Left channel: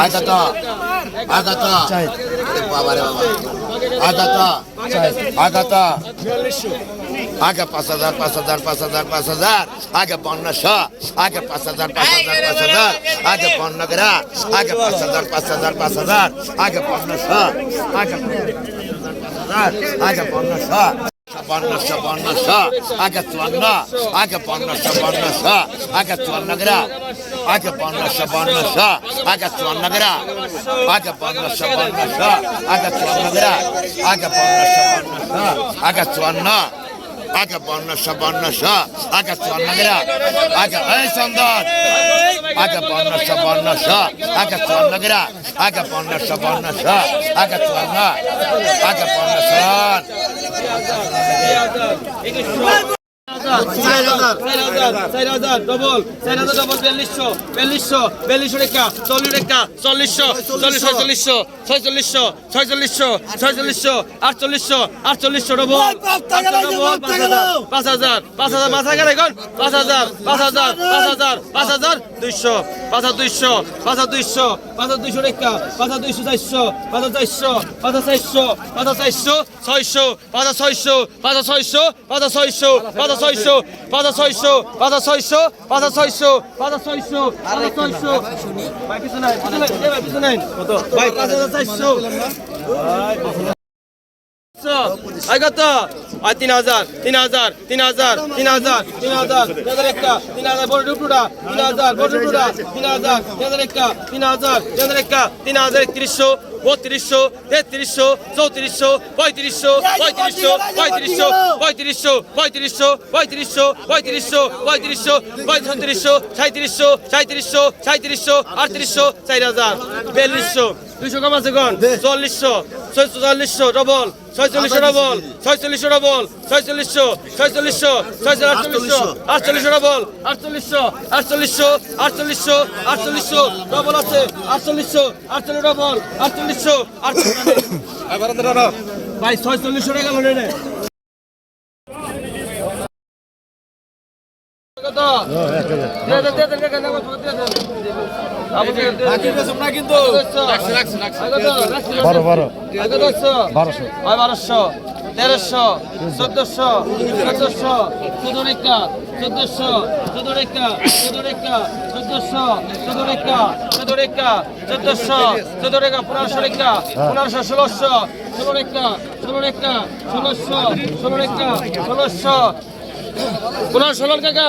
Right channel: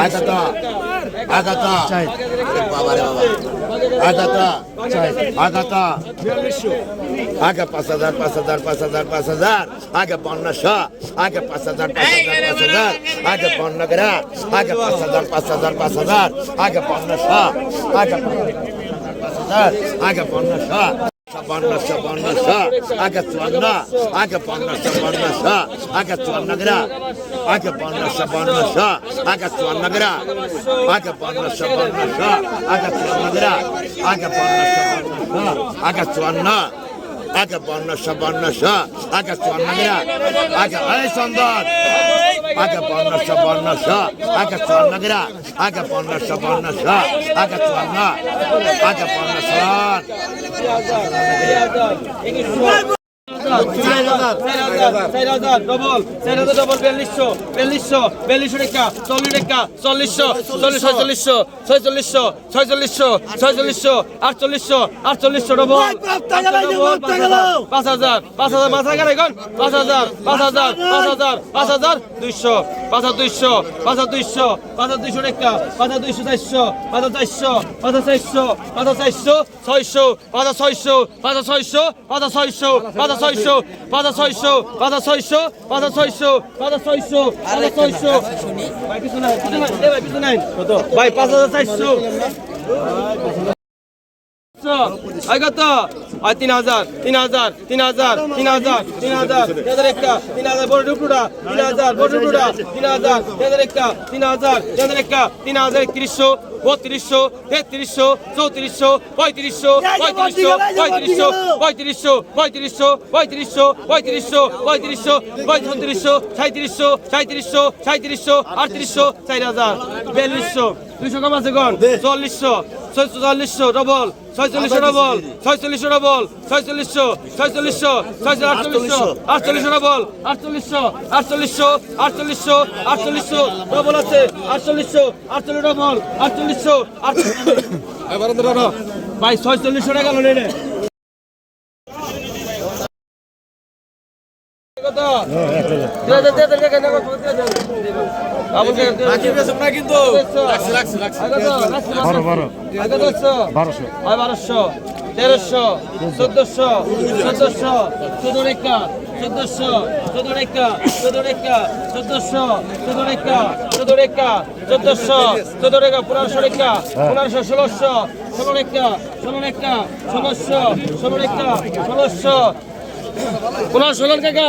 আয় কত আয় কত বাবা রে বাবা। আয় কত আয় কত আগে পাঁচ হাজার পাঁচ হাজার পাঁচ হাজার পাঁচ হাজার। আগে পনেরোশো আগে পাঁচ হাজার পাঁচ হাজার পাঁচ হাজার। আগে পনেরো আগে পাঁচ হাজার পাঁচ হাজার পাঁচ হাজার। আগে পনেরোশো আগে আগে Şabanla şabanla şa, aga tuanla, aga panla şabanla şa, aga tuanla gra, aga panla şabanla şa, aga tuanla gra, aga panla şabanla şa, aga tuanla gra, aga panla şabanla şa, aga tuanla, aga panla şabanla şa, aga tuanla gra, aga ay sandal. aka panna sabanna sa aga panna gra. Aga panna sabanna sa aka panna aga panna salat চার হাজার double চার হাজার double বিয়াল্লিশশো বিয়াল্লিশশো বিয়াল্লিশশো রেখা চল্লিশ রেখা চল্লিশশো চল্লিশশো ছয়চল্লিশশো ছয়চল্লিশশো ছয়চল্লিশশো আটচল্লিশশো আটচল্লিশশো ডবল পাঁচ হাজার পাঁচ হাজার গেলে এখন পাঁচ হাজার পাঁচ হাজার পাঁচ হাজার পাঁচ হাজার দুইশো পাঁচ হাজার দুইশো পাঁচ হাজার দুইশো পাঁচ হাজার দুইশো রেখা পাঁচ হাজার দুইশো চারশো পাঁচ হাজার চারশো পাঁচ হাজার চারশো পাঁচ হাজার চারশো ছয়শো পাঁচ হাজার ছয়শো পাঁচ হাজার ছয়শো পাঁচ হাজার ছয়শো পাঁচ হাজার ছয়শো পাঁচ ছয়শো পাঁচ ছয়শো পাঁচ ছয়শো পাঁচ ছয়শো পাঁচ ছয়শো। ভাই পিছু নাই ভাই পিছু নাই। ভাই পাঁচ হাজার চারশো কত আই তিন হাজার তিন হাজার তিন হাজার তিন হাজার তিন হাজার তিন হাজার একটা তিন হাজার বড় ডুবডুডা তিন হাজার বড় ডুবডুডা তিন হাজার তিন হাজার একটা তিন হাজার তিন হাজার একটা তিন হাজার একত্রিশশো বত্রিশশো তেত্রিশশো চৌত্রিশশো পঁয়ত্রিশশো পঁয়ত্রিশশো পঁয়ত্রিশশো পঁয়ত্রিশশো পঁয়ত্রিশশো পঁয়ত্রিশশো পঁয়ত্রিশশো পঁয়ত্রিশশো সাঁত্রিশশো সাঁত্রিশশো সাঁত্রিশশো আটত্রিশশো চার হাজার বিয়াল্লিশশো দুইশো কম আছে গন চল্লিশশো ছয়চল্লিশশো ডবল ছয়চল্লিশশো ডবল ছয়চল্লিশশো ডবল ছয়চল্লিশশো ছয়চল্লিশশো ছয়চল্লিশ আটচল্লিশশো আটচল্লিশশো ডবল আটচল্লিশশো আটচল্লিশশো আটচল্লিশশো আটচল্লিশশো ডবল আছে আটচল্লিশশো আটচল্লিশ ডবল আটচল্লিশশো ভাই ছয়চল্লিশশো টাকা লোনে রে কত দে দে দে দে বারো বারো। বারোশো। বারোশো, তেরোশো, চোদ্দশো চোদ্দশো চোদ্দ রেখা চোদ্দশো চোদ্দ রেখা চোদ্দ রেখা চোদ্দশো চোদ্দ রেখা চোদ্দ রেখা চোদ্দশো চোদ্দ রেখা পনেরোশো রেখা পনেরোশো ষোলোশো ষোলো রেখা ষোলো রেখা ষোলোশো ষোলো রেখা ষোলোশো পনেরো ষোলো কাকা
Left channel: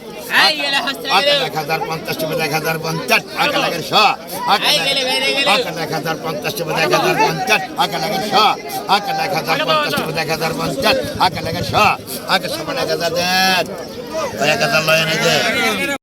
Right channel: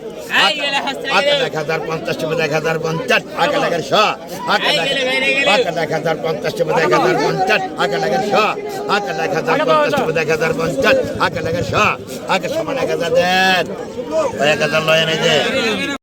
এক হাজার পঞ্চাশ টাকা এক হাজার পঞ্চাশ আগে লাগে শ এক হাজার পঞ্চাশ টাকা এক হাজার পঞ্চাশ আগে লাগে শ এক হাজার পঞ্চাশ টাকা এক হাজার পঞ্চাশ আগে লাগে শ আগে সমান এক হাজার দেন এক হাজার লয় এনে দে